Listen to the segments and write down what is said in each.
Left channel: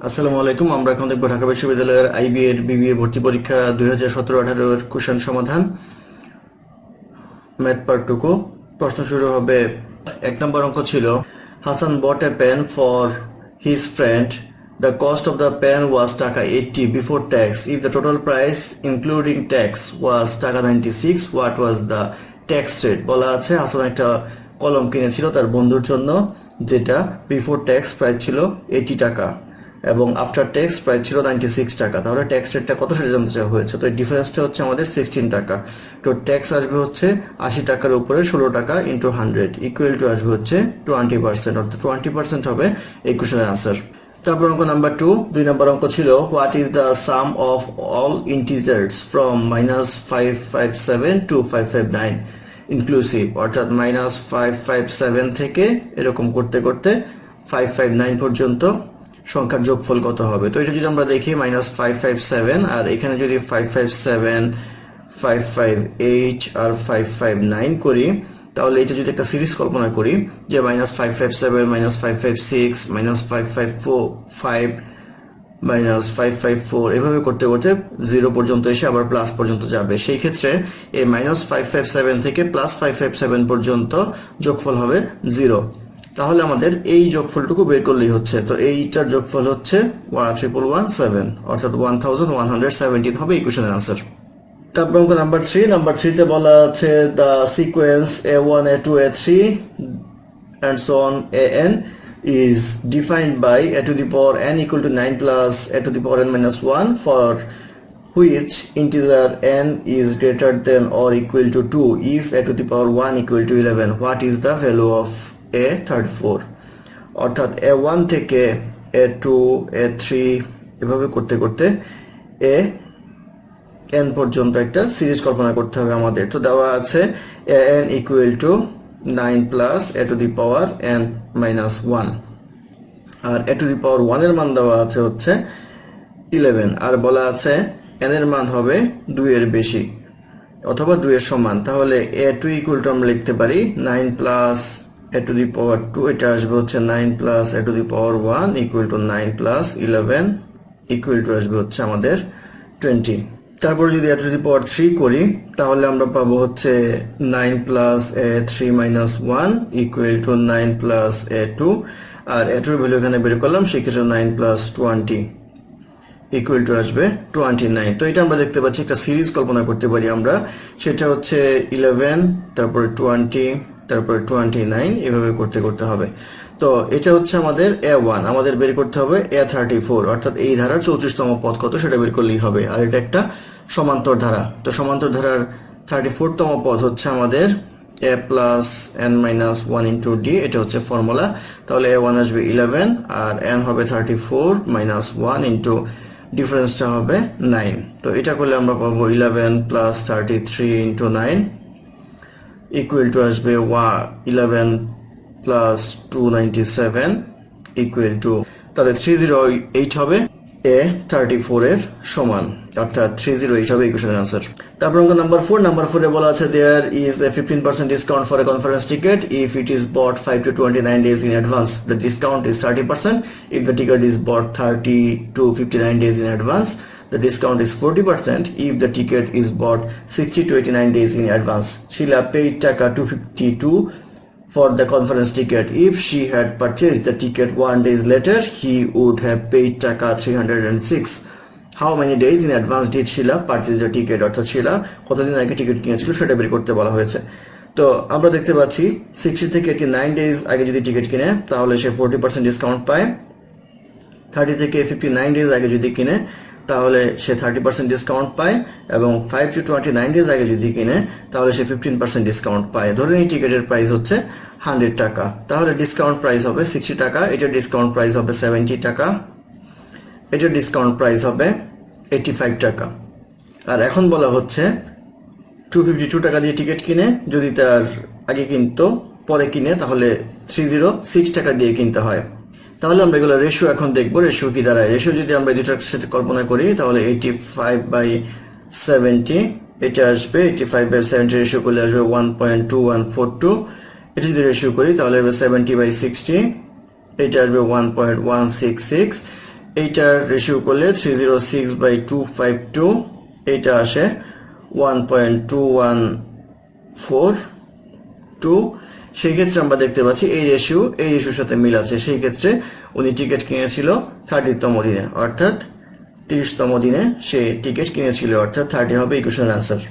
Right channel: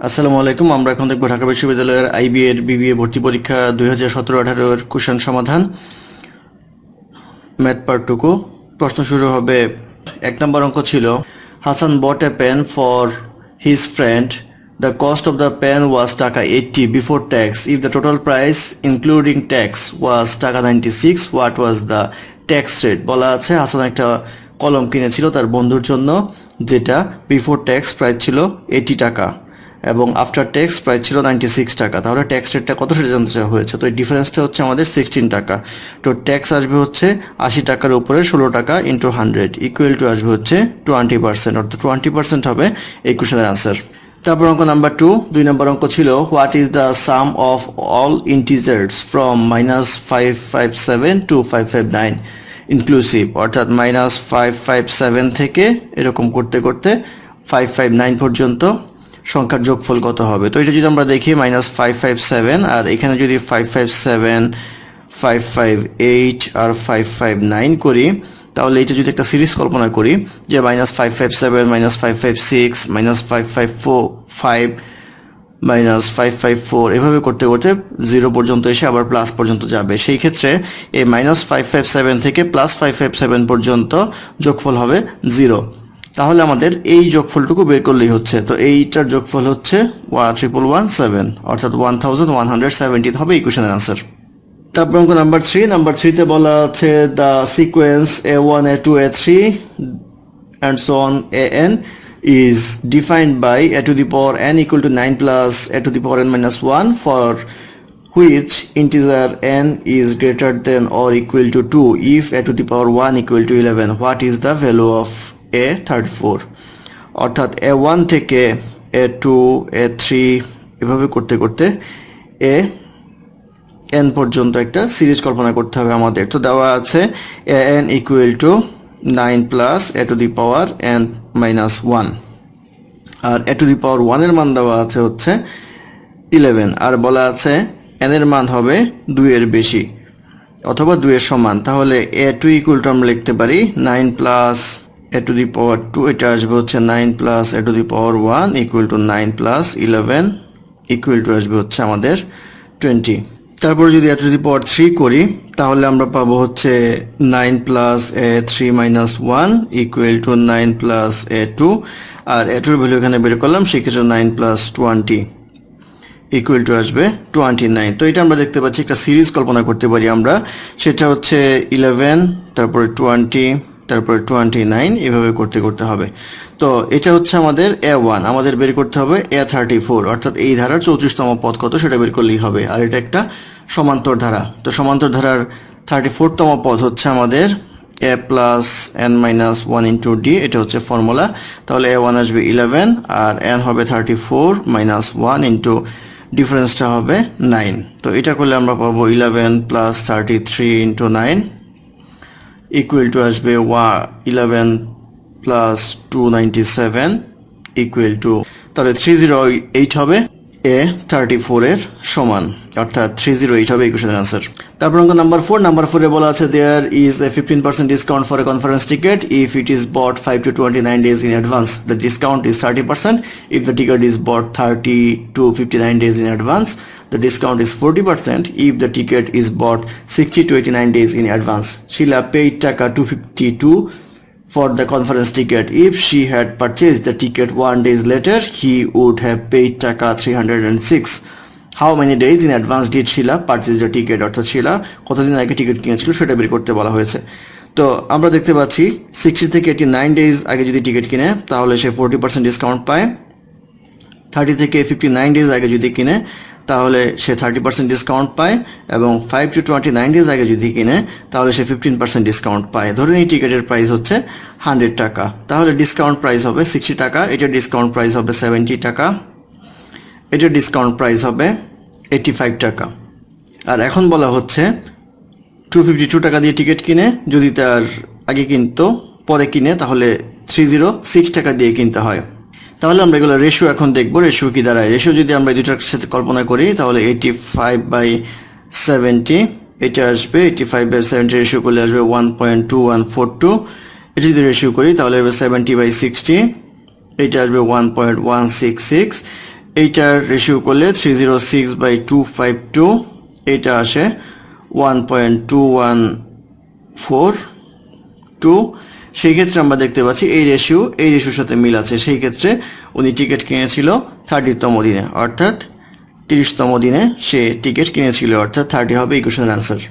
আসসালামু আলাইকুম। আমরা এখন দেখব ঢাকা বিশ্ববিদ্যালয়ের আইবি এর বিবিএ ভর্তি পরীক্ষা 2017-18 এর কোশ্চেন সমাধান, ম্যাথ পার্ট টুকু। প্রশ্ন শুরু হবে। 1 নম্বর অঙ্ক ছিল, Hasan bought a pen for his friend. The cost of the pen was টাকা 80 before tax. If the total price including tax was টাকা 96, what was the tax rate? বলা আছে হাসান একটা কলম কিনেছিল তার বন্ধুর জন্য, যেটা বিফোর ট্যাক্স প্রাইস ছিল 80 টাকা এবং আফটার ট্যাক্স প্রাইস ছিল 96 টাকা। তাহলে ট্যাক্স রেটটা কত সেটা জানতে চাওয়া হয়েছে। তো এই ডিফারেন্সটা হচ্ছে আমাদের 16 টাকা। তো ট্যাক্স আসবে হচ্ছে 80 টাকার উপরে 16 টাকা ইন্টু 100 ইকুয়াল টু আসবে হচ্ছে 20%, অর্থাৎ 20% হবে এই কোশ্চেনের আনসার। তারপর অঙ্ক নাম্বার 2, 2 নম্বর অঙ্ক ছিল, what is the sum of all integers from -557 to 559 inclusive, অর্থাৎ -557 থেকে এরকম করতে করতে 559 পর্যন্ত সংখ্যার যোগফল কত হবে। তো এটা যদি আমরা দেখি -557 আর এখানে যদি 557, 558 আর 559 করি, তাহলে এটা যদি একটা সিরিজ কল্পনা করি যে -557, -556, -554, -554 এভাবে করতে করতে 0 পর্যন্ত এসে আবার প্লাস পর্যন্ত যাবে, সেই ক্ষেত্রে এই -557 থেকে +557 পর্যন্ত যোগফল হবে 0। তাহলে আমাদের এই যোগফলটুকু বের করলেই হচ্ছে। তো এইটার যোগফল হচ্ছে 1117, অর্থাৎ 1117 হবে এই কোশ্চেনের আনসার। তারপর অঙ্ক নাম্বার 3, নাম্বার 3-তে বলা আছে the sequence a1 a2 a3 and so on an is defined by a to the power n equal to 9 plus a to the power n minus 1 for which integer n is greater than or equal to 2 if a to the power 1 equal to 11. What is the value of a34? অর্থাৎ a1 থেকে a2 a3 এভাবে করতে করতে n পর্যন্ত একটা series কল্পনা করতে হবে আমাদের। তো দেওয়া আছে an equal to 9 plus a to the power n minus 1 R a to the power 1 এর মান দেওয়া আছে হচ্ছে 11 আর বলা আছে n এর মান হবে 2 এর বেশি অথবা 2 এর সমান। তাহলে a2 equal to আমরা লিখতে পারি 9 plus a to the power 2, এটা আসবে হচ্ছে 9 plus a to the power 1 equal to 9 plus 11 equal to আসবে হচ্ছে আমাদের 20। তারপর যদি a to the power 3 করি তাহলে আমরা পাবো হচ্ছে 9 plus a3 minus 1 equal to 9 plus a2 R a2 এর ভ্যালু এখানে বের করলাম, সেক্ষেত্রে 9 plus 20 equal to আসবে 29। তো এটা আমরা দেখতে পাচ্ছি একটা সিরিজ কল্পনা করতে পারি আমরা, সেটা হচ্ছে 11 তারপরে 20 তারপরে 29 এভাবে করতে করতে হবে। তো এটা হচ্ছে আমাদের a1, আমাদের বের করতে হবে a34, অর্থাৎ এই ধারার 34তম পদ কত সেটা বের করলেই হবে। আর এটা একটা সমান্তর ধারা, তো সমান্তর ধারার 34তম পদ হচ্ছে আমাদের a plus n minus 1 into d, এটা হচ্ছে ফর্মুলা। তাহলে a1 আসবে 11 আর n হবে 34 minus 1 into ডিফারেন্সটা হবে 9। তো এটা করলে আমরা পাবো 11 plus 33 into 9 equal to আসবে 11 plus 297 equal to, তাহলে 308 হবে a34 এর সমান, অর্থাৎ 308 হবে এই কোশ্চেনের আনসার। তারপর অঙ্ক নাম্বার 4, নাম্বার 4 এ বলা আছে there is a 15% discount for a conference ticket if it is bought 5 to 29 days in advance. The discount is 30%. If the ticket is bought 30 to 59 days in advance, the discount is 40%. If the ticket is bought 60 to 89 days in advance, Sheila paid টাকা 252 for the conference ticket. If she had purchased the ticket 1 day later, he would have paid টাকা 306. How many days in advance did Sheila purchase the ticket? অর্থাৎ শিলা কতদিন আগে ticket কিনেছিল সেটা বের করতে বলা হয়েছে। তো আমরা দেখতে পাচ্ছি 60 থেকে 89 ডেজ আগে যদি টিকিট কিনে তাহলে সে 40% ডিসকাউন্ট পায়, 30 থেকে 59 ডেজ আগে যদি কিনে তাহলে সে 30% ডিসকাউন্ট পায়, এবং 5 to 29 ডেজ আগে যদি কিনে তাহলে সে 15% ডিসকাউন্ট পায়। ধরুন এই টিকিটের প্রাইস হচ্ছে 100 টাকা, তাহলে ডিসকাউন্ট প্রাইস হবে 60 টাকা, এটার ডিসকাউন্ট প্রাইস হবে 70 টাকা, এটার ডিসকাউন্ট প্রাইস হবে 85 টাকা। আর এখন বলা হচ্ছে 252 টাকা দিয়ে টিকিট কিনে যদি তার আগে কিনতো পরে কিনে তাহলে 306 টাকা দিয়ে কিনতে হয়। তাহলে আমরা এগুলো রেশিও এখন দেখবো, রেশিও কি দাঁড়ায়। রেশিও যদি আমরা দুটার সাথে কল্পনা করি তাহলে 85/70 এটা আসবে, 85/70 রেশিও করলে আসবে 1.2142। এটা যদি রেশিও করি তাহলে আসবে 70/60, এটা আসবে 1.166, এইটার রেশিও করলে 306/252, এটা আসে 1.2142। সেই ক্ষেত্রে আমরা দেখতে পাচ্ছি এই রেশিওর সাথে মিল আছে। সেই ক্ষেত্রে উনি টিকিট কিনেছিল 30তম দিনে, অর্থাৎ 30তম দিনে সে টিকিট কিনেছিল, অর্থাৎ 30 হবে ইকুয়েশনের অ্যান্সার।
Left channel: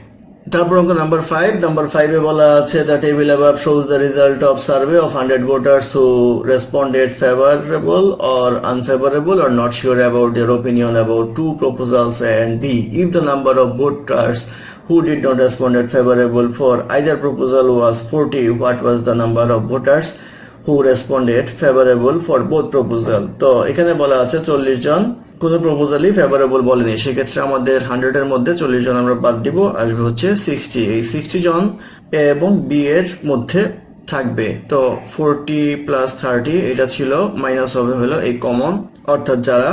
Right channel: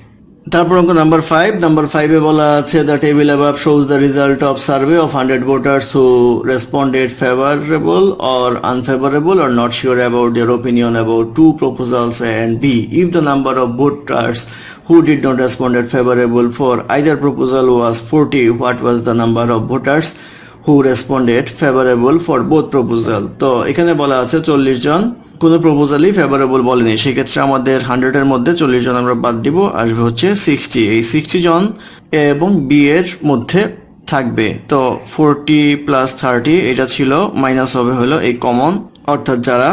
তারপর অঙ্ক নাম্বার 5 এ বলা আছে the table above shows the result of survey of 100 voters who responded favourable or unfavourable or not sure about their opinion about 2 proposals and B. If the number of voters who did not respond favorable for either proposal was 40, what was the number of voters who responded favorable for both proposal? তো এখানে বলা আছে 40 জন কোনো প্রপোজালই favourable বলেনি। সেক্ষেত্রে আমাদের 100-এর মধ্যে 40 জন আমরা বাদ দিব, আসবে হচ্ছে 60। এই 60 জন এ এবং বি এর মধ্যে থাকবে। তো 40 + 30 এটা ছিল, মাইনাস হবে হলো এই কমন, অর্থাৎ যারা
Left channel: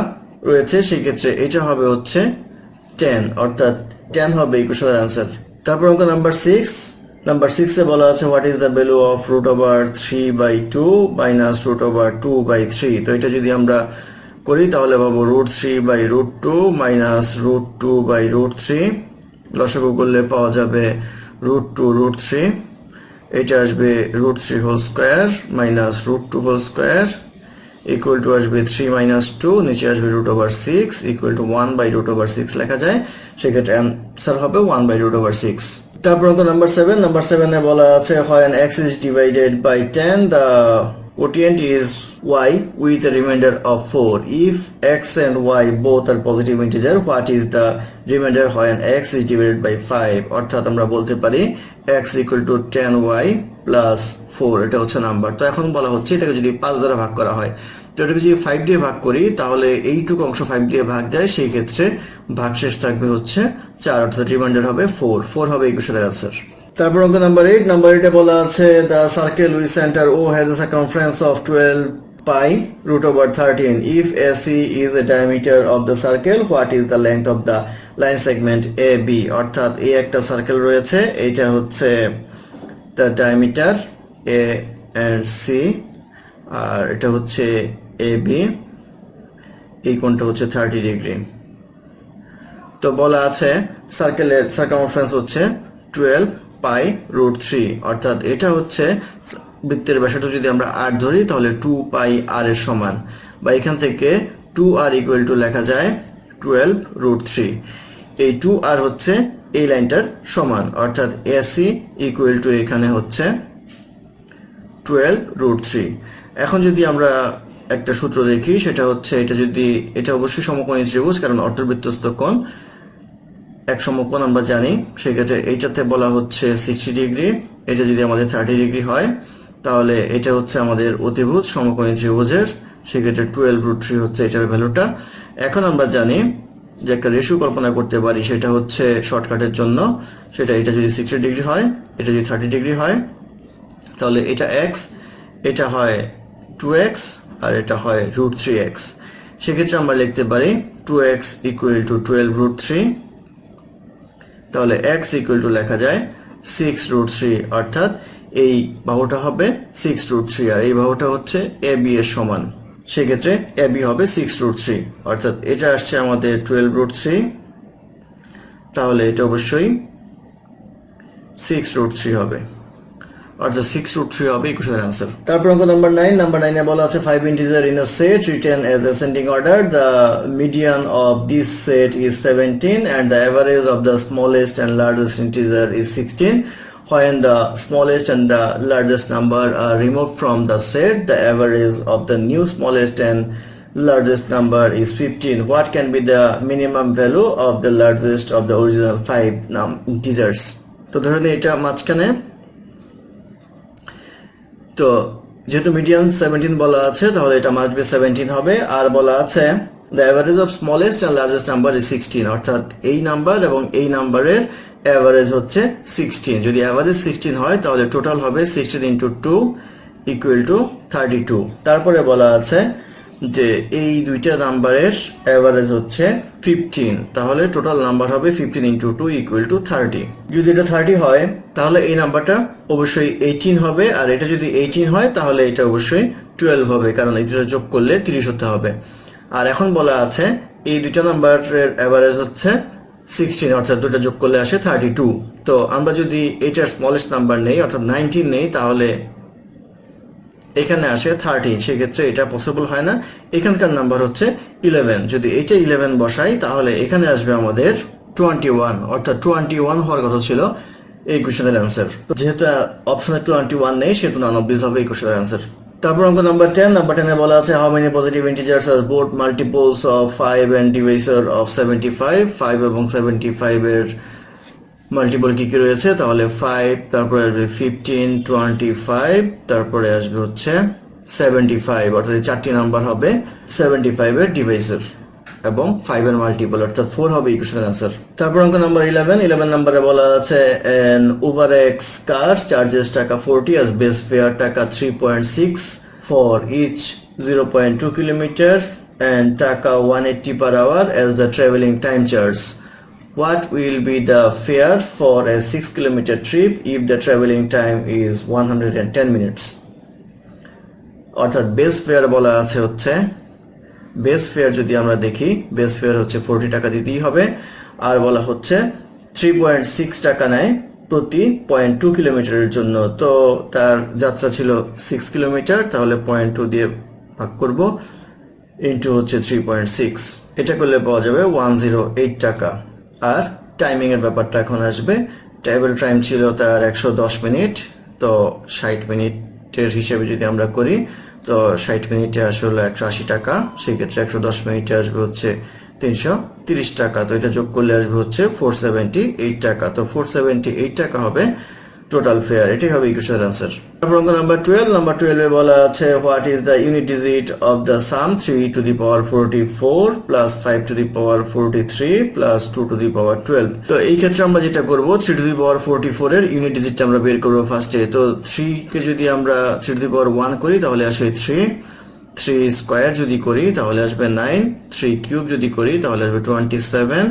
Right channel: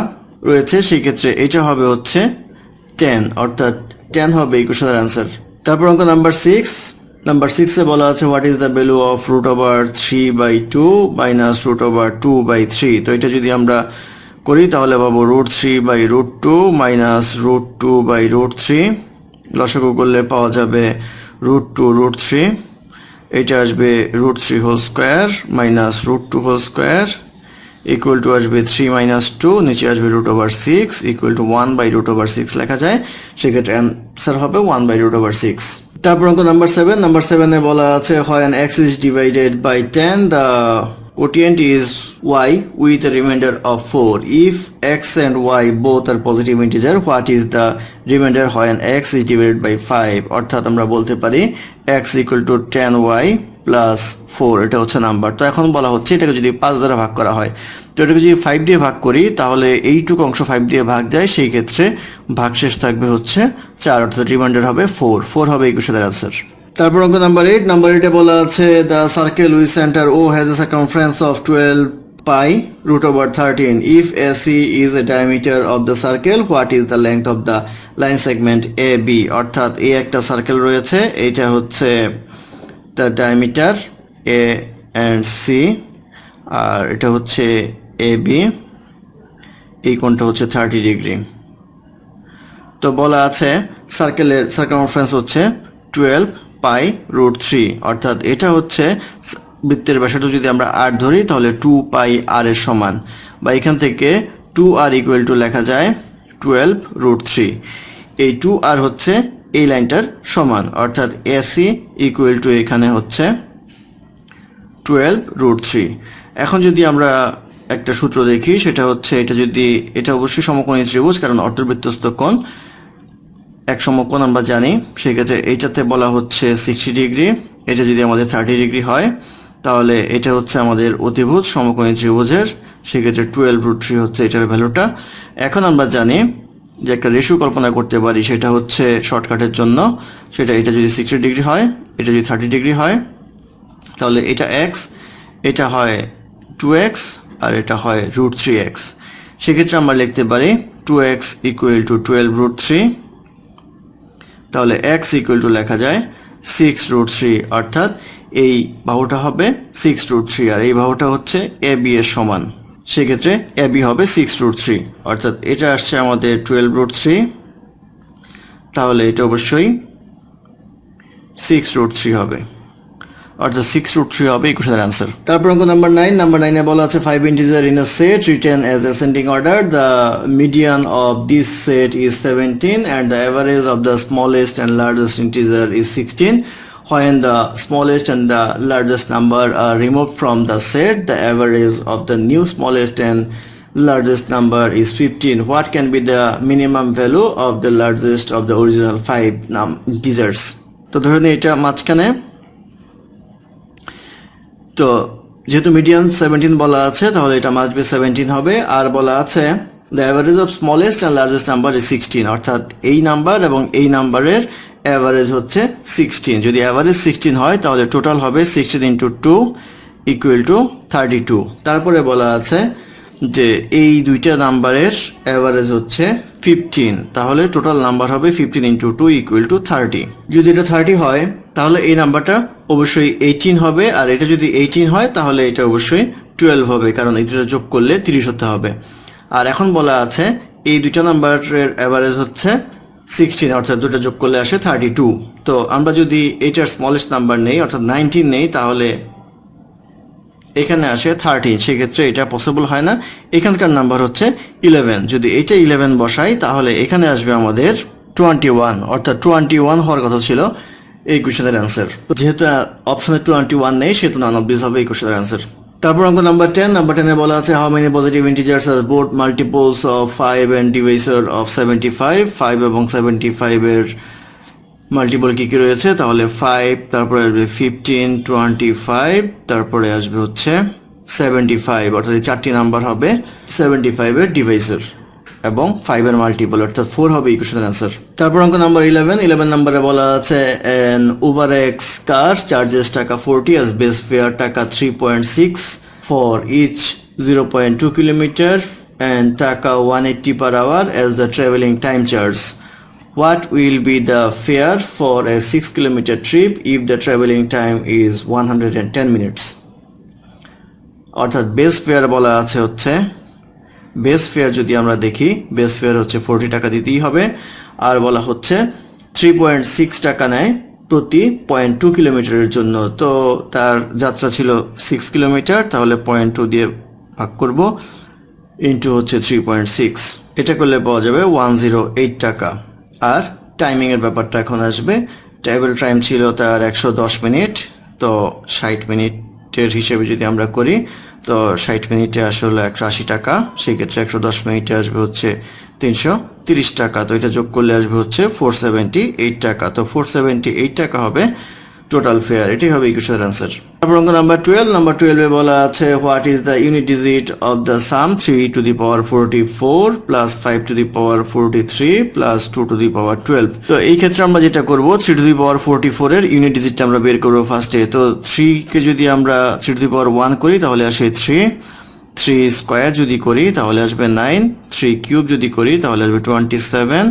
রয়েছে সেই ক্ষেত্রে এটা হবে হচ্ছে 10, অর্থাৎ 10 হবে ইকুয়েশনের অ্যান্সার। তারপর অঙ্ক নাম্বার 6 এ বলা আছে what is the value of √3/2 minus √2/3। তো এটা যদি আমরা করি তাহলে পাবো √3/√2 মাইনাস √2/√3। লসাগু করলে পাওয়া যাবে √2√3। এটা আসবে √3 whole square minus √2 whole square equal to আসবে 3 - 2, নিচে আসবে √6 ইকুয়াল টু 1/√6 লেখা যায়। সেক্ষেত্রে অ্যান্সার হবে 1/√6। তারপর অঙ্ক নাম্বার 7 এ বলা আছে when x is divided by 10 the quotient is y with a remainder of 4. If x and y both are positive integer, what is the remainder when x is divided by 5? অর্থাৎ আমরা বলতে পারি x equal to 10y plus 4, এটা হচ্ছে number. তো এখন বলা হচ্ছে এটাকে যদি 5 দ্বারা ভাগ করা হয়, তো এটাকে যদি 5 দিয়ে ভাগ করি তাহলে এইটুকু অংশ 5 দিয়ে ভাগ যায়, সেই ক্ষেত্রে ভাগশেষ থাকবে হচ্ছে 4, অর্থাৎ রিমাইন্ডার হবে 4 হবে ইকুয়েশনের অ্যান্সার। তারপর অঙ্ক নাম্বার 8 বলা আছে the circle with centre O has a circumference of 12 pi √13. If AC is a diameter of the circle, what is the length of the line segment AB? অর্থাৎ এই একটা সার্কেল রয়েছে, এইটা হচ্ছে the diameter A and C, আর এটা হচ্ছে AB, এই কোণটা হচ্ছে 30 ডিগ্রি। তো বলা আছে সার্কেলের সার্কামফারেন্স হচ্ছে 12 pi √3, অর্থাৎ এটা হচ্ছে বৃত্তের ব্যাসার্ধ যদি আমরা r ধরি তাহলে 2 pi r এর সমান, বা এখান থেকে 2r ইকুয়াল টু লেখা যায় 12 √3। এই 2r হচ্ছে এই লাইনটার সমান, অর্থাৎ AC ইকুয়াল টু এখানে হচ্ছে 12 √3। এখন যদি আমরা একটা সূত্র দেখি, সেটা হচ্ছে এটা অবশ্যই সমকোণী ত্রিভুজ, কারণ অর্ধবৃত্তস্থ কোণ এক সমকোণ আমরা জানি। সেক্ষেত্রে এইটাতে বলা হচ্ছে 60 ডিগ্রি, এটা যদি আমাদের 30 ডিগ্রি হয় তাহলে এটা হচ্ছে আমাদের অতিভুজ সমকোণী ত্রিভুজের, সেক্ষেত্রে 12 √3 হচ্ছে এটার ভ্যালুটা। এখন আমরা জানি যে একটা রেশিও কল্পনা করতে পারি, সেটা হচ্ছে শর্টকাটের জন্য, এটা যদি 60 ডিগ্রি হয়, এটা যদি 30 ডিগ্রি হয়, তাহলে এটা x, এটা হয় 2x, আর এটা হয় √3x। সেক্ষেত্রে আমরা লিখতে পারি 2x ইকুয়াল টু 12 √3, তাহলে x ইকুয়াল টু লেখা যায় 6 √3, অর্থাৎ এই বাহুটা হবে 6 √3, আর এই বাহুটা হচ্ছে AB এর সমান। সেক্ষেত্রে AB হবে 6 √3, অর্থাৎ এটা আসছে আমাদের 12 √3, তাহলে এটা অবশ্যই 6 √3 হবে, অর্থাৎ 6 √3 হবে ইকুয়েশনের অ্যান্সার। তারপর অঙ্ক নাম্বার 9 এ বলা আছে 5 integer in a set written as ascending order. The median of this set is 17 and the average of the smallest and largest integer is 16. When the smallest and the largest number are removed from the set, the average of the new smallest and largest number is 15. What can be the minimum value of the largest of the original 5 integers? তো ধরে নিই এটা মাঝখানে, তো যেহেতু median 17 বলা আছে তাহলে এটা মাস্ট বি 17 হবে। আর বলা আছে the average of smallest and largest number is 16, অর্থাৎ এই নাম্বার এবং এই নাম্বারের অ্যাভারেজ হচ্ছে 16। যদি অ্যাভারেজ 16 হয় তাহলে টোটাল হবে 16 × 2 ইকুয়াল টু 32। তারপরে বলা আছে যে এই দুইটা নাম্বারের অ্যাভারেজ হচ্ছে 15, তাহলে টোটাল নাম্বার হবে 15 × 2 ইকুয়াল টু 30। যদি এটা 30 হয় তাহলে এই নাম্বারটা অবশ্যই 18 হবে, আর এটা যদি 18 হয় তাহলে এটা অবশ্যই 12 হবে, কারণ এটা যোগ করলে 30 হতে হবে। আর এখন বলা আছে এই দুইটা নাম্বারের অ্যাভারেজ হচ্ছে 16, অর্থাৎ দুটো যোগ করলে আসে 32। তো আমরা যদি এইটার স্মলেস্ট নাম্বার নেই অর্থাৎ 19 নেই তাহলে এখানে আসে 30, সেক্ষেত্রে এটা পসিবল হয় না। এখানকার নাম্বার হচ্ছে 11, যদি এটা 11 বসাই তাহলে এখানে আসবে আমাদের 21, অর্থাৎ 21 হওয়ার কথা ছিল এই কোশ্চেনের অ্যান্সার। যেহেতু অপশনে 21 নেই সেহেতু নান অফ দিস হবে এই কোশ্চেনের অ্যান্সার। তারপর অঙ্ক নাম্বার 10, নাম্বার 10 এ বলা আছে how many positive integers are both multiples of 5 and divisor of 75। 5 এবং 75 এর মাল্টিপল কি কি রয়েছে, তাহলে 5, তারপরে আসবে 15, 25, তারপরে আসবে হচ্ছে 75, অর্থাৎ এই চারটি নাম্বার হবে 75 এর ডিভাইসার এবং 5 এর মাল্টিপল, অর্থাৎ 4 হবে ইকুয়েশনের অ্যান্সার। তারপর অঙ্ক নাম্বার 11 নম্বরে বলা আছে an UberX car charges টাকা 40 as base fare টাকা 3.6 for each 0.2 kilometer and টাকা 180 per hour as the traveling time charge. What will be the fare for a 6 kilometer trip if the traveling time is 110 minutes? অর্থাৎ base fair বলা আছে হচ্ছে, base fair যদি আমরা দেখি base fair হচ্ছে 40 টাকা দিতেই হবে, আর বলা হচ্ছে 3.6 টাকা নেয় প্রতি 0.2 কিলোমিটারের জন্য। তো তার যাত্রা ছিল 6 কিলোমিটার, তাহলে 0.2 দিয়ে ভাগ করব ইন্টু হচ্ছে 3.6, এটা করলে পাওয়া যাবে 108 টাকা। আর টাইমিংয়ের ব্যাপারটা এখন আসবে। ট্রাভেল টাইম ছিল তার 110 মিনিট, তো 60 মিনিটের হিসেবে যদি আমরা করি তো 60 মিনিটে আসলে 180 টাকা, সেক্ষেত্রে 110 মিনিটে আসবে হচ্ছে 330 টাকা। তো এটা যোগ করলে আসবে হচ্ছে 478 টাকা। তো 478 টাকা হবে টোটাল ফেয়ার, এটাই হবে ইকুয়েশনের অ্যান্সার। তারপর অঙ্ক নাম্বার 12 এ বলা আছে what is the unit digit of the sum 3 to the power 44 plus 5 to the power 43 plus 2 to the power 12। তো এই ক্ষেত্রে আমরা যেটা করব 3 টু দি পাওয়ার 44 এর ইউনিট ডিজিটটা আমরা বের করব ফার্স্টে। তো 3 কে যদি আমরা 3 টু দি পাওয়ার 1 করি তাহলে আসে 3 স্কয়ার যদি করি তাহলে আসবে 9, 3 কিউব যদি করি তাহলে আসবে 27,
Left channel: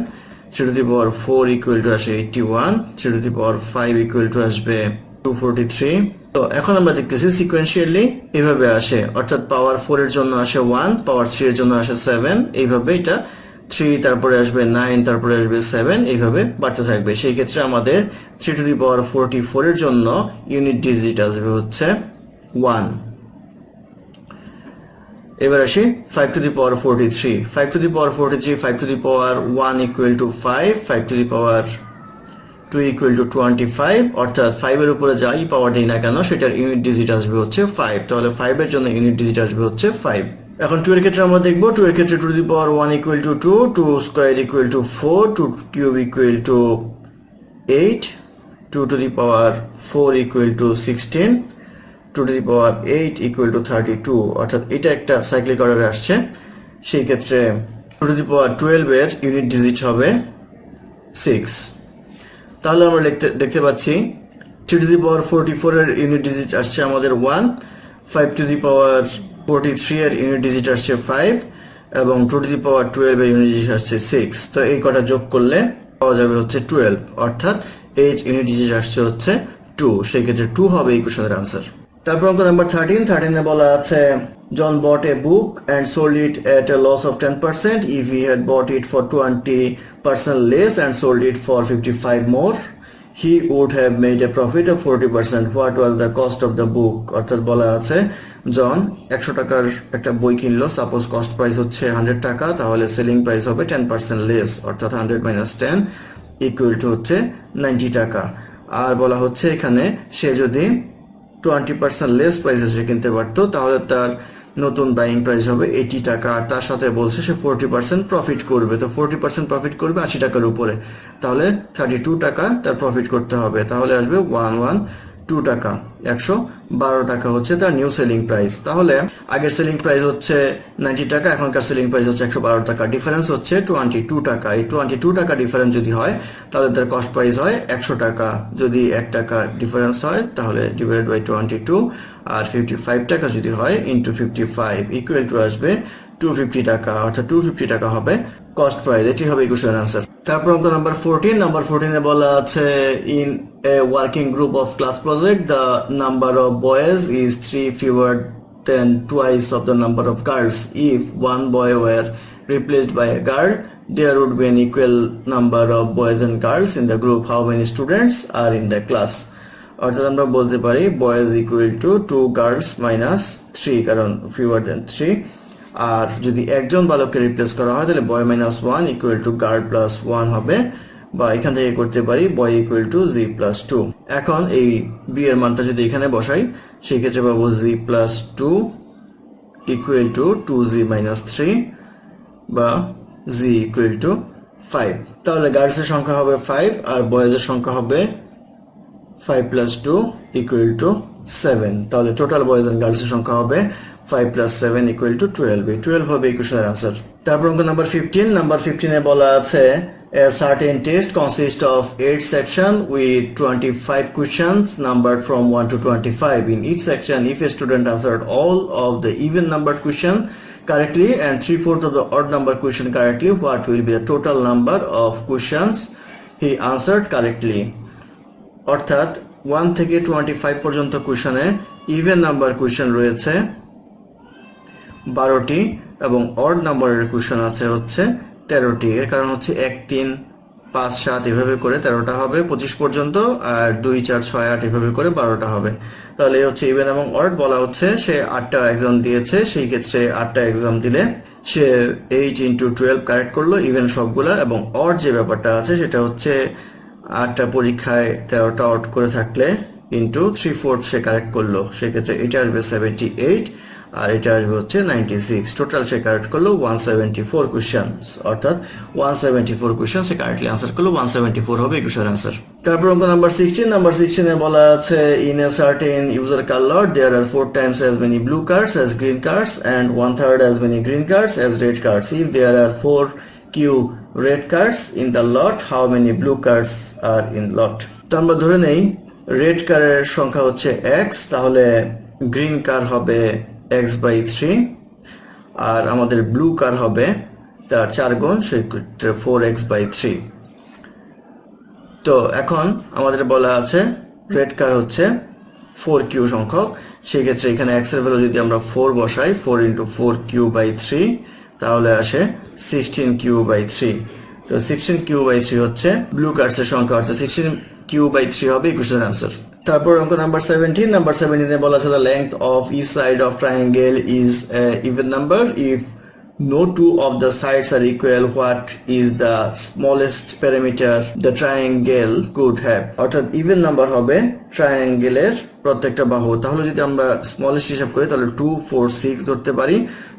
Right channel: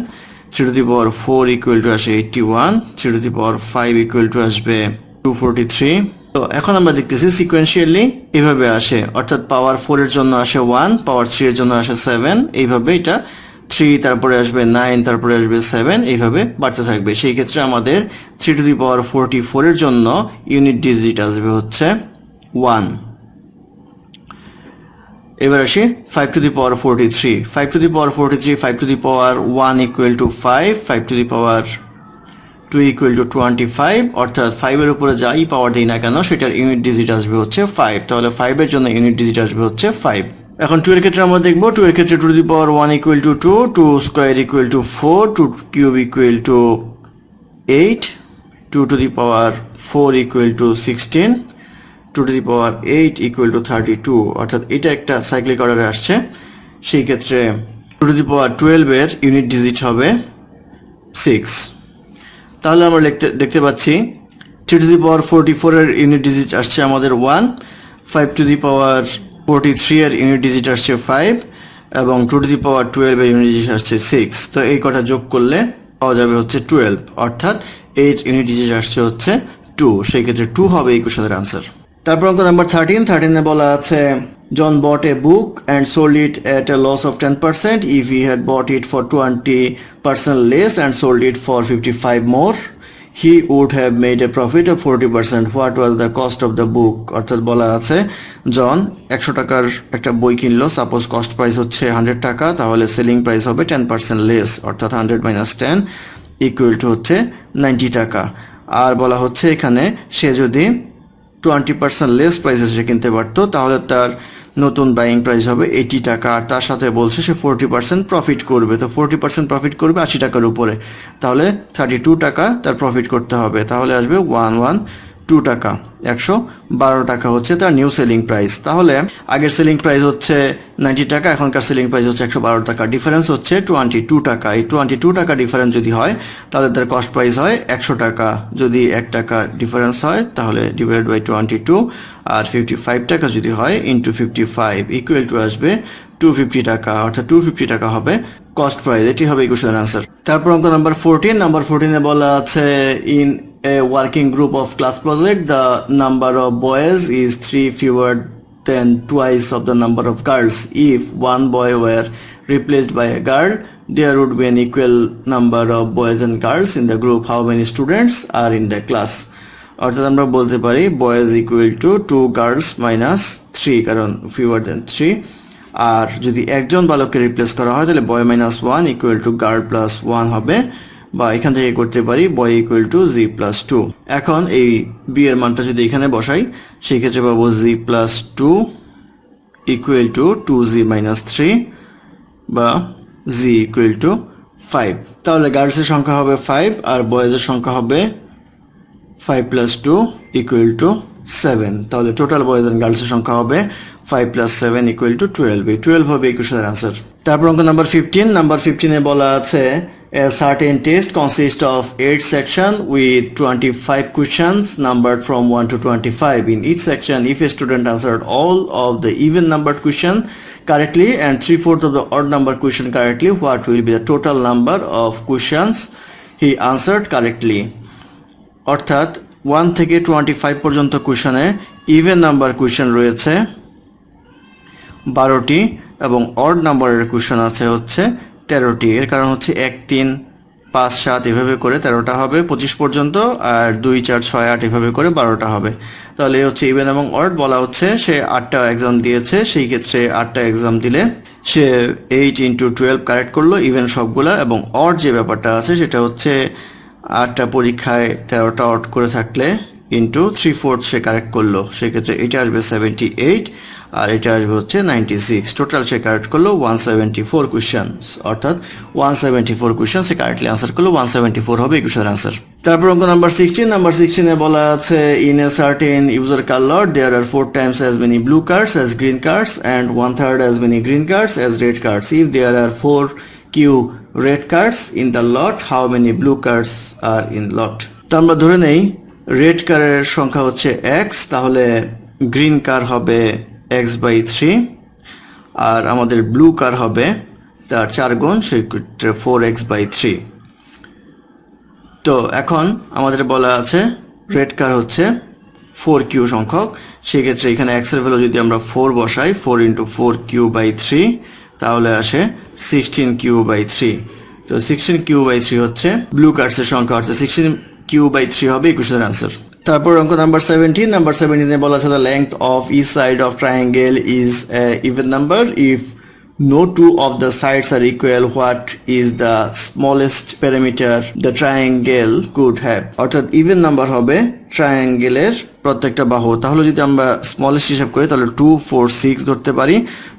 3 to the power 4 equal to আসে 81, 3 to the power 5 equal to আসবে 243। তো এখন আমরা দেখতেছি সিকোয়েন্সিয়ালি এভাবে আসে, অর্থাৎ পাওয়ার 4 এর জন্য আসে 1, পাওয়ার 3 এর জন্য আসে 7, এইভাবে এটা 3, তারপরে আসবে 9, তারপরে আসবে 7, এইভাবে বাড়তে থাকবে। সেই ক্ষেত্রে আমাদের 3 to the power 44 এর জন্য ইউনিট ডিজিট আসবে হচ্ছে 1। এবার আসি 5 to the power 43, 5 to the power 43, 5 to the power 1 equal to 5, 5 to the power 2 equal to 25, অর্থাৎ 5 এর উপরে যাই পাওয়ার দেই না কেন সেটার ইউনিট ডিজিট আসবে হচ্ছে 5, তাহলে 5 এর জন্য ইউনিট ডিজিট আসবে হচ্ছে 5। এখন 2 এর ক্ষেত্রে আমরা দেখব, 2 এর ক্ষেত্রে 2 to the power 1 equal to 2, 2 square equal to 4, 2 cube equal to 8, 2 to the power 4 equal to 16, 2 to the power 8 equal to 32, অর্থাৎ এটা একটা সাইক্লিক অর্ডারে আসছে। সেই ক্ষেত্রে 2 to the power 12 এর ইউনিট ডিজিট হবে 6। তাহলে আমরা দেখতে পাচ্ছি 3 to the power 44 এর ইউনিট ডিজিট আসছে আমাদের 1, 5 to the power 43 এর ইউনিট ডিজিট আসছে 5 এবং 2 to the power 12 এর ইউনিট ডিজিট আসছে 6। তো এই কটা যোগ করলে পাওয়া যাবে হচ্ছে 12, অর্থাৎ 8 ইউনিট ডিজিট আসছে হচ্ছে 2, সেই ক্ষেত্রে 2 হবে এই কোশ্চেনের আনসার। তারপর অঙ্ক নাম্বার 13 এ বলা আছে জন bought a book and sold it at a loss of 10%. If he had bought it for 20% less and sold it for 55 more, he would have made a profit of 40%. What was the cost of the book? অর্থাৎ বলা আছে জন 100 টাকার একটা বই কিনলো, suppose cost price হচ্ছে 100 টাকা, তাহলে সেলিং প্রাইস হবে 10% লেস, অর্থাৎ 100 minus 10 ইকুয়াল টু হচ্ছে 90 টাকা। আর বলা হচ্ছে এখানে সে যদি 20% লেস প্রাইসে সে কিনতে পারতো তাহলে তার নতুন বাইং প্রাইস হবে 80 টাকা, আর তার সাথে বলছে সে 40% প্রফিট করবে। তো 40% প্রফিট করবে 80 টাকার উপরে, তাহলে 32 টাকা তার প্রফিট করতে হবে, তাহলে আসবে 112 টাকা। 112 টাকা হচ্ছে তার নিউ সেলিং প্রাইস। তাহলে আগের সেলিং প্রাইস হচ্ছে 90 টাকা, এখনকার সেলিং প্রাইস হচ্ছে 112 টাকা, ডিফারেন্স হচ্ছে 22 টাকা। এই 22 টাকা ডিফারেন্স যদি হয় তাহলে তার কস্ট প্রাইস হয় 100 টাকা। যদি 1 টাকা ডিফারেন্স হয় তাহলে ডিভাইড বাই 22, আর 55 টাকা যদি হয় ইন্টু 55 ইকুয়াল টু আসবে 250 টাকা, অর্থাৎ 250 টাকা হবে কস্ট প্রাইস। এটি হবে ইকুয়েশনের আনসার। তারপর অঙ্ক নাম্বার 14 এ বলা আছে in a working group of class project the number of boys is 3 fewer than twice of the number of girls. If one boy were replaced by a girl, there would be an equal number of boys and girls in the group. How many students are in the class? অর্থাৎ আমরা বলতে পারি boys equal to 2 girls minus 3, কারণ fewer than 3. আর যদি একজন বালককে replace করা হয় তাহলে boy minus 1 equal to girl plus 1 হবে, বা এখান থেকে করতে পারি boy equal to z plus 2. এখন এই b এর মানটা যদি এখানে বসাই সেই ক্ষেত্রে পাবো z plus 2 equal to 2z minus 3 বা z equal to 5. তাহলে গার্লসের সংখ্যা হবে 5 আর বয়েজের সংখ্যা হবে 5 plus 2 equal to 7. তাহলে টোটাল বয়েজ এন্ড গার্লসের সংখ্যা হবে 5 plus 7 equal to 12. এই 12 হবে এই কোশ্চেনের आंसर। তারপর অঙ্ক নাম্বার 15। নাম্বার 15 এ বলা আছে a certain test consists of 8 section with 25 questions numbered from 1 to 25. In each section, if a student answered all of the even numbered question correctly and 3/4 of the odd number question correctly, what will be the total number of questions he answered correctly? অর্থাৎ 1 থেকে 25 পর্যন্ত কোশ্চেনে even number question রয়েছে 12টি এবং odd নাম্বারের question আছে হচ্ছে 13টি। এর কারণ হচ্ছে 1 3 5 7 এভাবে করে 13টা হবে 25 পর্যন্ত, আর 2 4 6 8 এভাবে করে 12টা হবে। তাহলে এই হচ্ছে ইভেন এবং অড। বলা হচ্ছে সে 8টা এক্সাম দিয়েছে, সেই ক্ষেত্রে 8টা এক্সাম দিলে সে 8 × 12 কারেক্ট করলো ইভেন সবগুলা, এবং অড যে ব্যাপারটা আছে সেটা হচ্ছে 8টা পরীক্ষায় 13টা অড করে থাকলে ইন্টু 3/4 সে কারেক্ট করলো, সেক্ষেত্রে এটা আসবে 78 আর এটা আসবে হচ্ছে 96। টোটাল সে কারেক্ট করলো 174 কোশ্চেন্স, অর্থাৎ 174 কোশ্চেন সে কারেক্টলি আনসার করলো, 174 হবে এই কোশ্চেনের আনসার। তারপর অঙ্ক নাম্বার 16। নাম্বার 16 এ বলা আছে in a certain used car lot there are 4 times as many blue cards as green cards and 1/3 as many green cards as red cards. If there are 4 q red cards in the lot, how many blue cards are in lot? তো আমরা ধরে নেই red কারের সংখ্যা হচ্ছে x, তাহলে green কার হবে x/3 আর আমাদের ব্লু কার হবে তার 4 গুণ, সেক্ষেত্রে 4x/3। তো এখন আমাদের বলা আছে রেড কার হচ্ছে 4q সংখ্যক, সেক্ষেত্রে এখানে x এর ভ্যালু যদি আমরা 4 বসাই 4 × 4q/3 তাহলে আসে 16q/3। তো 16q/3 হচ্ছে ব্লু কার্ডসের সংখ্যা, অর্থাৎ 16q/3 হবে এই কোশ্চেনের আনসার। তারপর অঙ্ক নাম্বার 17। নাম্বার 17 এ বলা আছে the length of each side of triangle is a even number. If no two of the sides are equal, what is the smallest perimeter the triangle could have? অর্থাৎ even number হবে ট্রায়াঙ্গেলের প্রত্যেকটা বাহু। তাহলে যদি আমরা smallest হিসাব করি তাহলে 2 4 6 ধরতে পারি।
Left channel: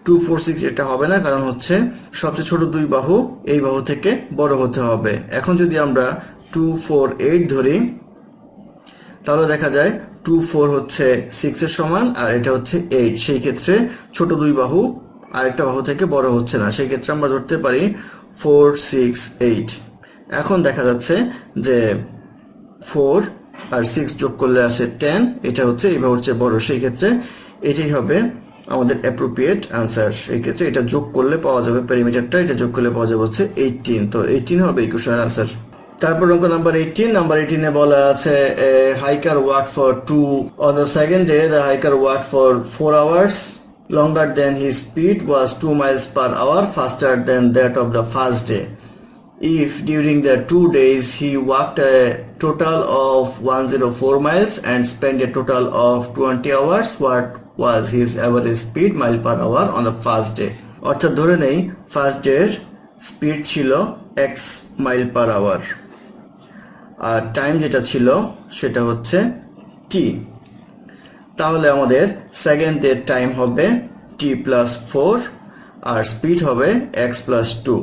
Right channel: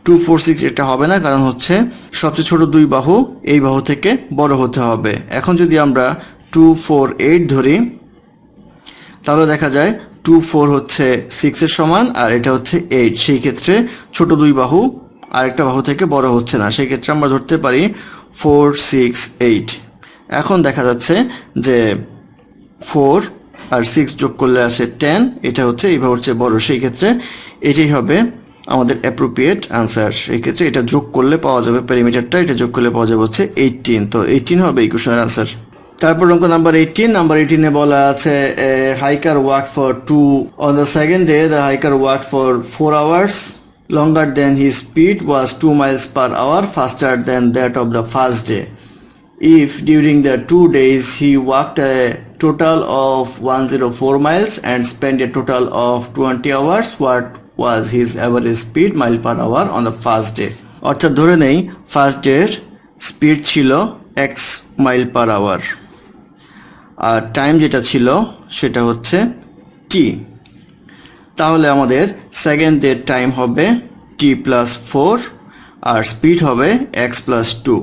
2 4 6 এটা হবে না, কারণ হচ্ছে সবচেয়ে ছোট দুই বাহু এই বাহু থেকে বড় হতে হবে। এখন যদি আমরা 2 4 8 ধরি তাহলে দেখা যায় 2 4 হচ্ছে 6 এর সমান আর এটা হচ্ছে 8, সেই ক্ষেত্রে ছোট দুই বাহু আরেকটা বাহু থেকে বড় হচ্ছে না, সেই ক্ষেত্রে আমরা ধরতে পারি 4 6 8। এখন দেখা যাচ্ছে যে 4 আর 6 যোগ করলে আসে 10, এটা হচ্ছে এই বাহুর চেয়ে বড়, সেই ক্ষেত্রে এটাই হবে আমাদের অ্যাপ্রোপ্রিয়েট আনসার। সেই ক্ষেত্রে এটা যোগ করলে পাওয়া যাবে পেরিমিটারটা, এটা যোগ করলে পাওয়া যাবে হচ্ছে 18। তো 18 হবে এই কোশ্চেনের আনসার। তারপর অঙ্ক নাম্বার 18। নাম্বার 18 এ বলা আছে hiker walk for 2 on the second day the hiker walked for 4 hours longer than his speed was 2 miles per hour faster than that of the first day. If during the 2 days he walked a total of 104 miles and spent a total of 20 hours, what was his average speed mile per hour on the first day? অর্থাৎ ধরে নেই first ডের speed ছিল x mile per hour আর time যেটা ছিল সেটা হচ্ছে t। তাহলে আমাদের সেকেন্ড ডের টাইম হবে t + 4 আর স্পিড হবে x + 2।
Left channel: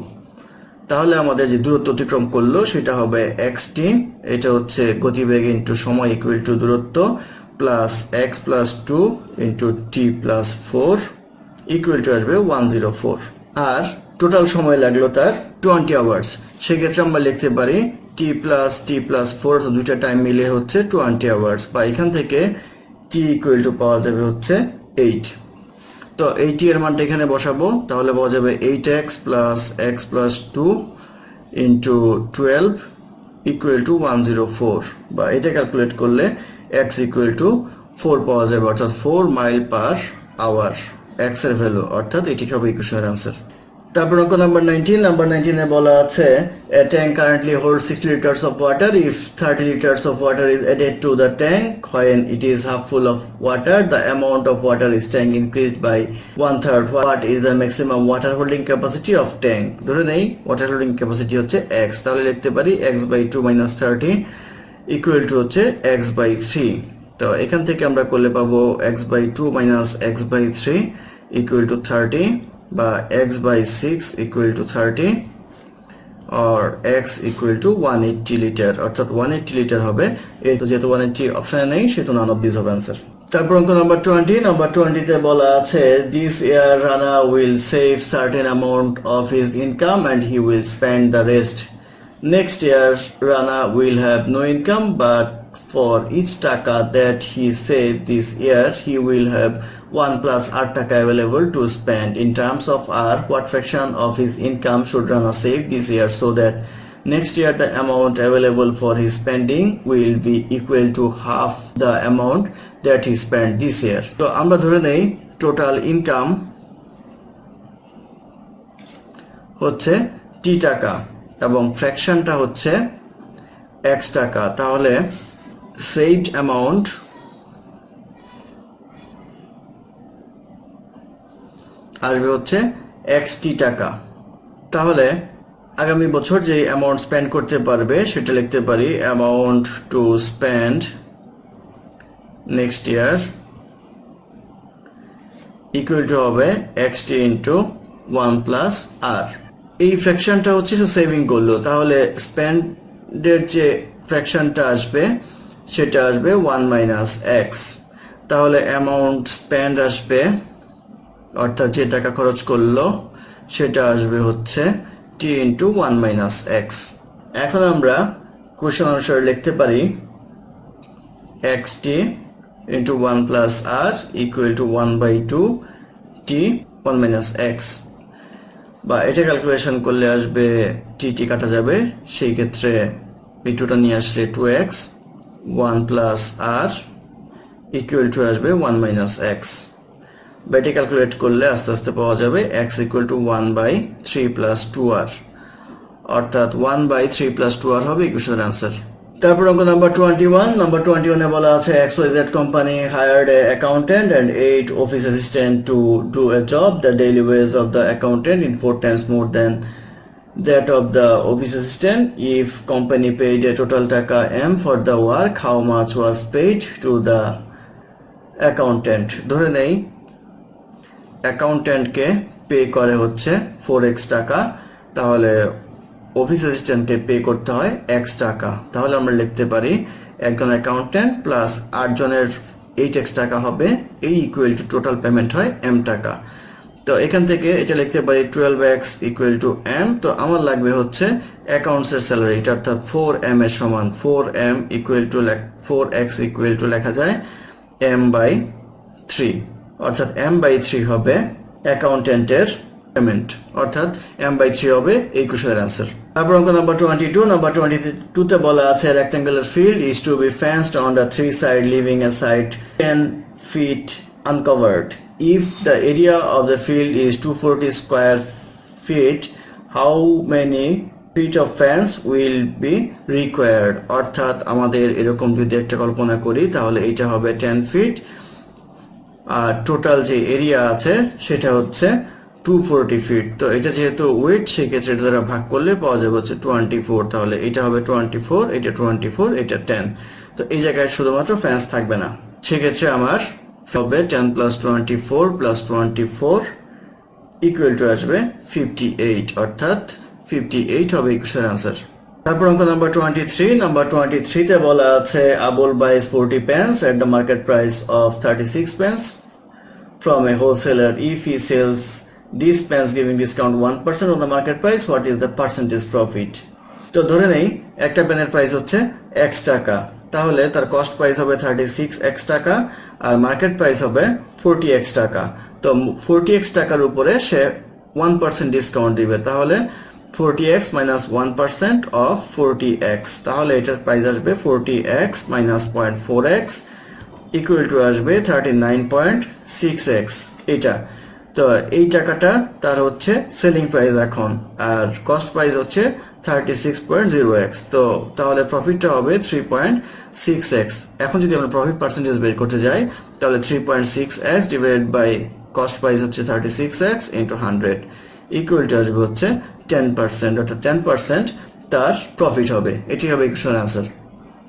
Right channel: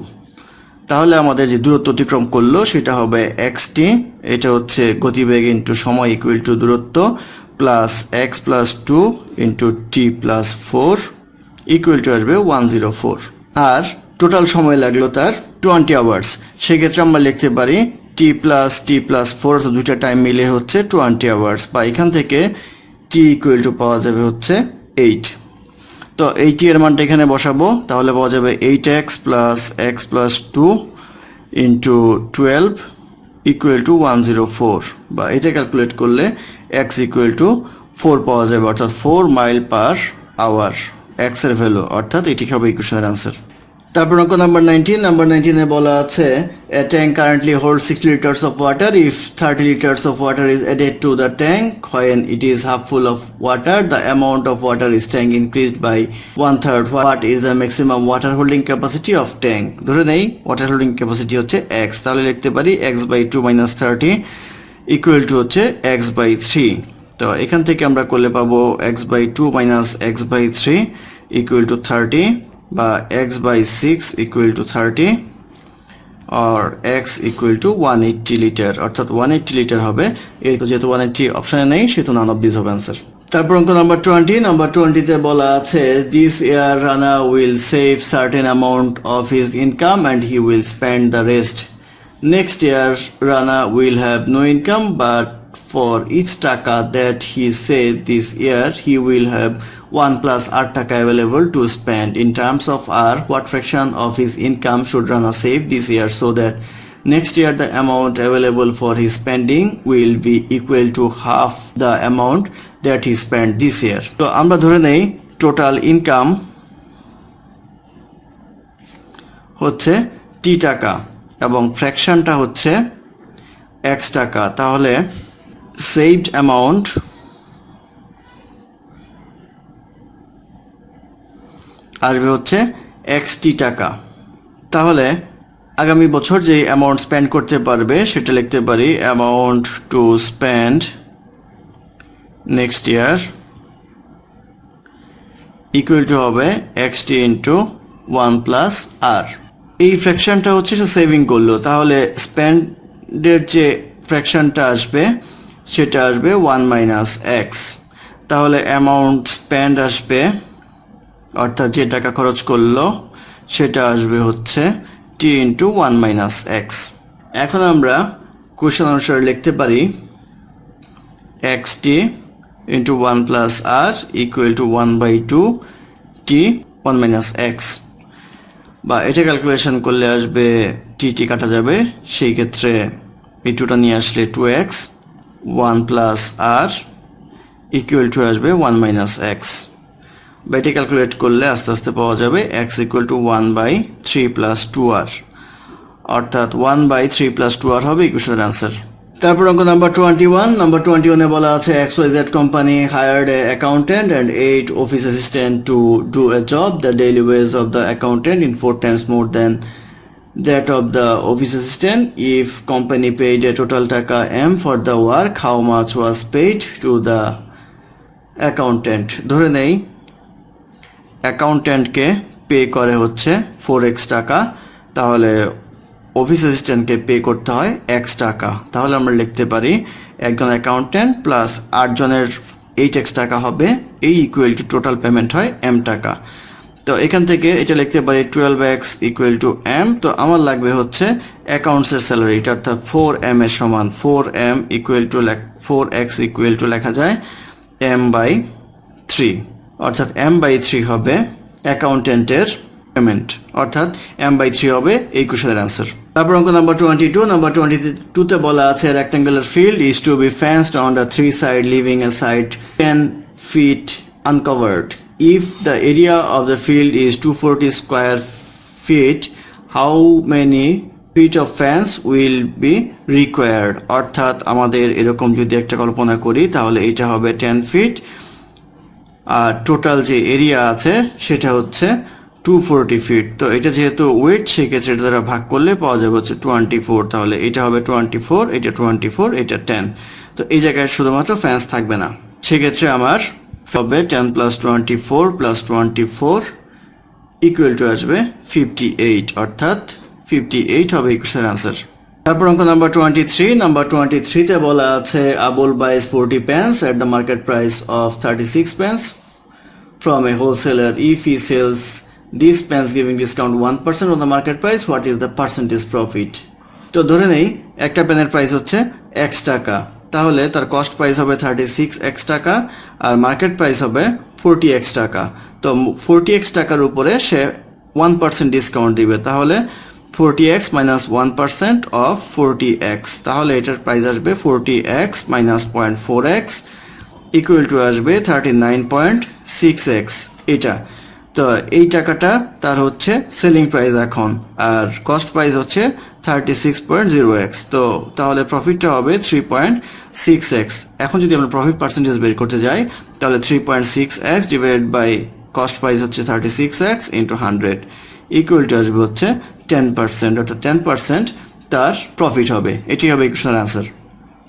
তাহলে আমাদের যে দূরত্ব অতিক্রম করলো সেটা হবে xt, এটা হচ্ছে গতিবেগ ইনটু সময় ইকুয়াল টু দূরত্ব plus x + 2 into t + 4 equal to আসবে 104। আর টোটাল সময় লাগলো তার 20 আওয়ার্স, সেক্ষেত্রে আমরা লিখতে পারি t + 4, দুইটা টাইম মিলে হচ্ছে 20 আওয়ার্স, বা এখান থেকে t ইকুয়াল টু পাওয়া যাবে হচ্ছে 8। তো এই t এর মানটা এখানে বসাবো, তাহলে পাওয়া যাবে 8x + x + 2 into 12 equal to 104, বা এটা ক্যালকুলেট করলে x ইকুয়াল টু 4 পাওয়া যাবে, অর্থাৎ 4 মাইল পার আওয়ার এক্স এর ভ্যালু, অর্থাৎ এটি হবে ইকুয়েশনের আনসার। তারপর অঙ্ক নাম্বার 19 বলা আছে a tank currently holds 60 liters of water. If 30 liters of water is added to the tank when it is half full of water, the amount of water is tank increased by 1/3. What is the maximum water holding capacity of tank? ধরে নেই water holding capacity হচ্ছে x, তাহলে লিখতে পারি x by 2 minus 30 equal to হচ্ছে x by 3। তো এখান থেকে আমরা করলে পাবো x by 2 minus x by 3 equal to 30 বা x by 6 equal to 30 or x equal to 180 litre, অর্থাৎ 180 লিটার হবে। এই তো যেহেতু 180 অপশনে নেই সেহেতু নান অফ দিস হবে आंसर। তারপর অঙ্ক নাম্বার 20 তে বলা আছে this year Rana will save certain amount of his income and he will spend the rest. Next year Rana will have no income, but for each taka that he saved this year he will have 1 plus r taka available to spend. In terms of r, what fraction of his income should Rana save this year so that next year the amount available for his spending will be equal to half the amount that he spent this year? তো আমরা ধরে নেই total income হচ্ছে t টাকা এবং ফ্র্যাকশনটা হচ্ছে x টাকা, তাহলে saved amount আসবে হচ্ছে xt টাকা। তাহলে আগামী বছর যে অ্যামাউন্ট স্পেন্ড করতে পারবে সেটা লিখতে পারি amount to spend next year equal to হবে xt ইন্টু 1 প্লাস আর। এই ফ্র্যাকশনটা হচ্ছে সে সেভিং করলো, তাহলে স্পেন্ডের যে ফ্র্যাকশনটা আসবে সেটা আসবে 1 মাইনাস এক্স। তাহলে অ্যামাউন্ট স্পেন্ড আসবে, অর্থাৎ যে টাকা খরচ করলো সেটা আসবে হচ্ছে t ইন্টু 1 মাইনাস এক্স। এখন আমরা কোশ্চেন অনুসারে লিখতে পারি xt into 1 plus r equal to 1/2 t 1 minus x, বা এটা ক্যালকুলেশন করলে আসবে টি কাটা যাবে, সেই ক্ষেত্রে এই টুটা নিয়ে আসলে 2x 1 plus r equal to আসবে 1 মাইনাস এক্স। বা এটা ক্যালকুলেট করলে আস্তে আস্তে পাওয়া যাবে x equal to 1/3 plus 2r, অর্থাৎ 1/3 প্লাস 2r হবে ইকুয়েশনের আনসার। তারপর অঙ্ক নাম্বার 21 বলা আছে XYZ company hired a accountant and 8 office assistant to do a job. The daily wage of the accountant in 4 times more than that of the office assistant. If company paid a total taka m for the work, how much was paid to the accountant? ধরে নেই অ্যাকাউন্ট্যান্টকে pay করে হচ্ছে 4x টাকা, তাহলে office অ্যাসিস্ট্যান্টকে pay করতে হয় x টাকা। তাহলে আমরা লিখতে পারি একজন অ্যাকাউন্ট্যান্ট প্লাস 8 জনের 8x টাকা হবে, এই ইকুয়াল টু টোটাল পেমেন্ট হয় m টাকা। তো এখান থেকে এটা লিখতে পারি 12x ইকুয়াল টু m। তো আমার লাগবে হচ্ছে অ্যাকাউন্টসের স্যালারি, অর্থাৎ 4m এর সমান 4m equal to 4x equal to লেখা যায় m/3, অর্থাৎ m/3 হবে অ্যাকাউন্টেন্টের পেমেন্ট, অর্থাৎ m/3 হবে এই কোশ্চেনের आंसर। তারপর অঙ্ক নাম্বার 22 তে বলা আছে rectangular field is to be fenced on the 3 side leaving a side 10 feet uncovered. If the area of the field is 240 square feet, how many feet of fence will be required? অর্থাৎ আমাদের এরকম যদি একটা কল্পনা করি তাহলে এটা হবে 10 fit আর total যে এরিয়া আছে সেটা হচ্ছে 240 ফিট। তো এটা যেহেতু ওয়েট সেক্ষেত্রে এটা দ্বারা ভাগ করলে পাওয়া যাবে হচ্ছে 24, তাহলে এটা হবে 24, এটা 24, এটা 10। তো এই জায়গায় শুধুমাত্র ফ্যান্স থাকবে না, সেক্ষেত্রে আমার হবে 10 প্লাস 24 প্লাস 24 ইকুয়াল টু আসবে 58, অর্থাৎ 58 হবে এই কোশ্চেনের আনসার। তারপর অঙ্ক নাম্বার 23 তে বলা আছে Abul buys 40 pence at the market price of 36 pence from a wholesaler. If he sells these pence giving discount 1% on the market price, what is the percentage profit? তো ধরে নেই একটা পেনের প্রাইস হচ্ছে x টাকা, তাহলে তার কস্ট প্রাইস হবে 36x টাকা আর মার্কেট প্রাইস হবে 40x টাকা। তো 40x টাকার উপরে সে 1% ডিসকাউন্ট দিবে, তাহলে 40x minus 1% of 40x, তাহলে এটার প্রাইস আসবে 40x minus 0.4x equal to আসবে 39.6x এটা। তো এই টাকাটা তার হচ্ছে সেলিং প্রাইস এখন, আর কস্ট প্রাইস হচ্ছে 36.0x। তো তাহলে প্রফিটটা হবে 3.6x। এখন যদি আমরা প্রফিট পার্সেন্টেজ বের করতে যাই তাহলে 3.6x divided by cost price হচ্ছে 36x ইন্টু 100 ইকুয়াল টু আসবে হচ্ছে 10%, অর্থাৎ 10% তার প্রফিট হবে। এটি হবে ইকুয়েশনের আনসার।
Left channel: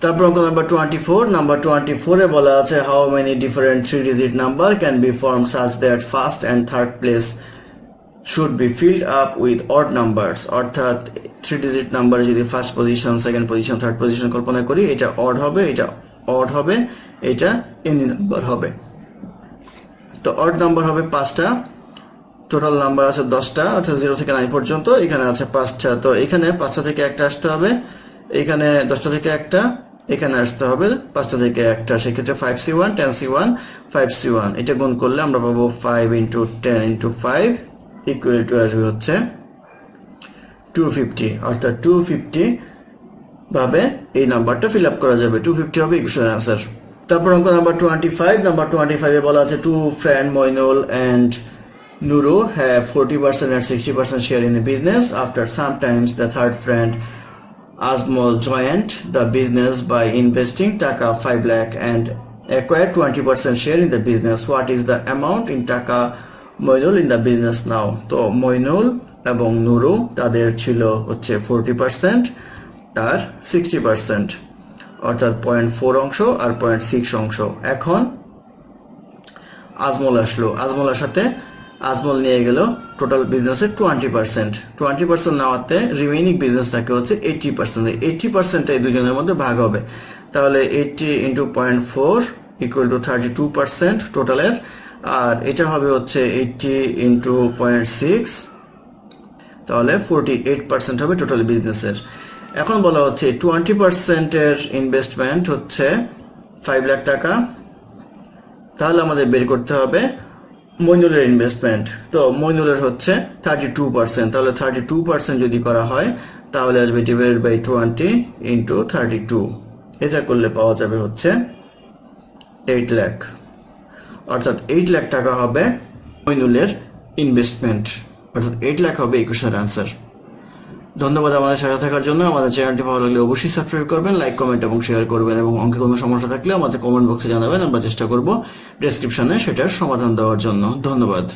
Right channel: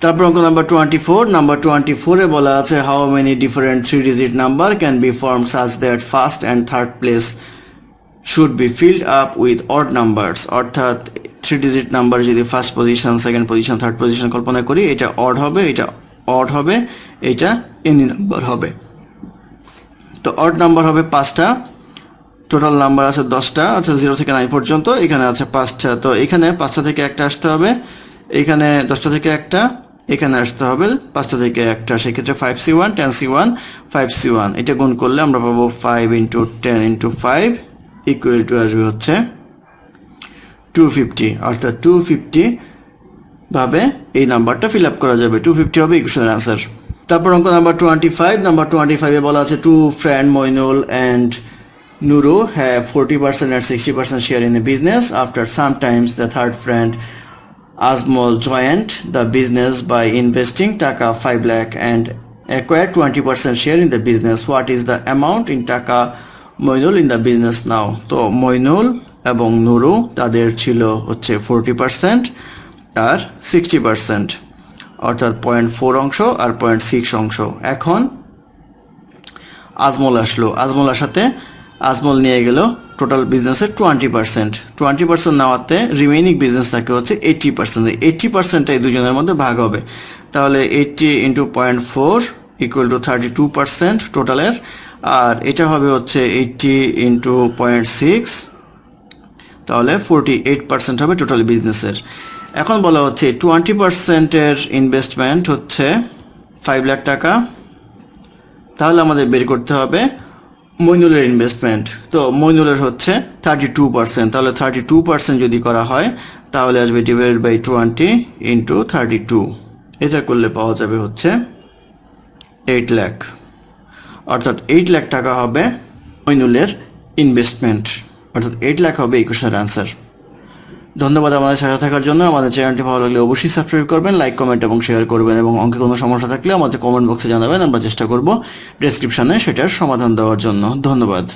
তারপর অঙ্ক নাম্বার 24। নাম্বার 24 এ বলা আছে how many different 3 digit number can be form such that first and third place should be filled up with odd numbers. অর্থাৎ 3 ডিজিট নাম্বার যদি first position, second position, third position কল্পনা করি, এটা odd হবে, এটা অড হবে, এটা any number হবে। তো অড নাম্বার হবে 5টা, টোটাল নাম্বার আছে 10টা, অর্থাৎ 0 থেকে 9 পর্যন্ত। এখানে আছে 5টা, তো এখানে 5টা থেকে একটা আসতে হবে, এখানে 10টা থেকে একটা, এখানে আসতে হবে 5টা থেকে একটা। সেক্ষেত্রে 5c1 10c1 5c1 এটা গুণ করলে আমরা পাবো 5 ইন্টু 10 ইন্টু 5 ইকুয়াল টু আসবে হচ্ছে 250। অর্থাৎ 250 ভাবে এই নাম্বারটা ফিল আপ করা যাবে। 250 হবে ইকুয়েশনের আনসার। তারপর অঙ্ক নাম্বার 25। নাম্বার 25 এ বলা আছে two friend Moinul and Nuru have 40% and 60% share in the business. After some times, the third friend Azmol joined the business by investing Taka 5 lakh and acquired 20% share in the business. What is the amount in Taka Moinul in the business now? তো মইনুল এবং নুরু তাদের ছিল হচ্ছে 40% আর 60%, অর্থাৎ 0.4 অংশ আর 0.6 অংশ। এখন আজমল আসলো, আজমল আসাতে আজমল নিয়ে গেল টোটাল বিজনেসের 20%। নেওয়াতে রিমেইনিং বিজনেস থাকে হচ্ছে 80%। 80% এই দুজনের মধ্যে ভাগ হবে, তাহলে 80 ইন্টু 0.4 ইকুয়াল টু 32% টোটালের, আর এটা হবে হচ্ছে 80 ইন্টু 0.6, তাহলে 48% হবে টোটাল বিজনেসের। এখন বলা হচ্ছে 20%-এর ইনভেস্টমেন্ট হচ্ছে 5 লাখ টাকা, তাহলে আমাদের বের করতে হবে মইনুলের ইনভেস্টমেন্ট। তো মইনুলের হচ্ছে 32%, তাহলে 32% যদি করা হয় তাহলে আসবে ডিভাইডেড বাই 20 ইন্টু 32, এটা করলে পাওয়া যাবে হচ্ছে 8 লাখ। অর্থাৎ 8 লাখ টাকা হবে মইনুলের ইনভেস্টমেন্ট, অর্থাৎ 8 লাখ হবে ইকুয়েশনের আনসার। ধন্যবাদ আমাদের সাথে থাকার জন্য। আমাদের চ্যানেলটি ভালো লাগলে অবশ্যই সাবস্ক্রাইব করবেন, লাইক, কমেন্ট এবং শেয়ার করবেন, এবং অঙ্কে কোনো সমস্যা থাকলে আমাদের কমেন্ট বক্সে জানাবেন, আমরা চেষ্টা করব ডেসক্রিপশনে সেটার সমাধান দেওয়ার জন্য। ধন্যবাদ।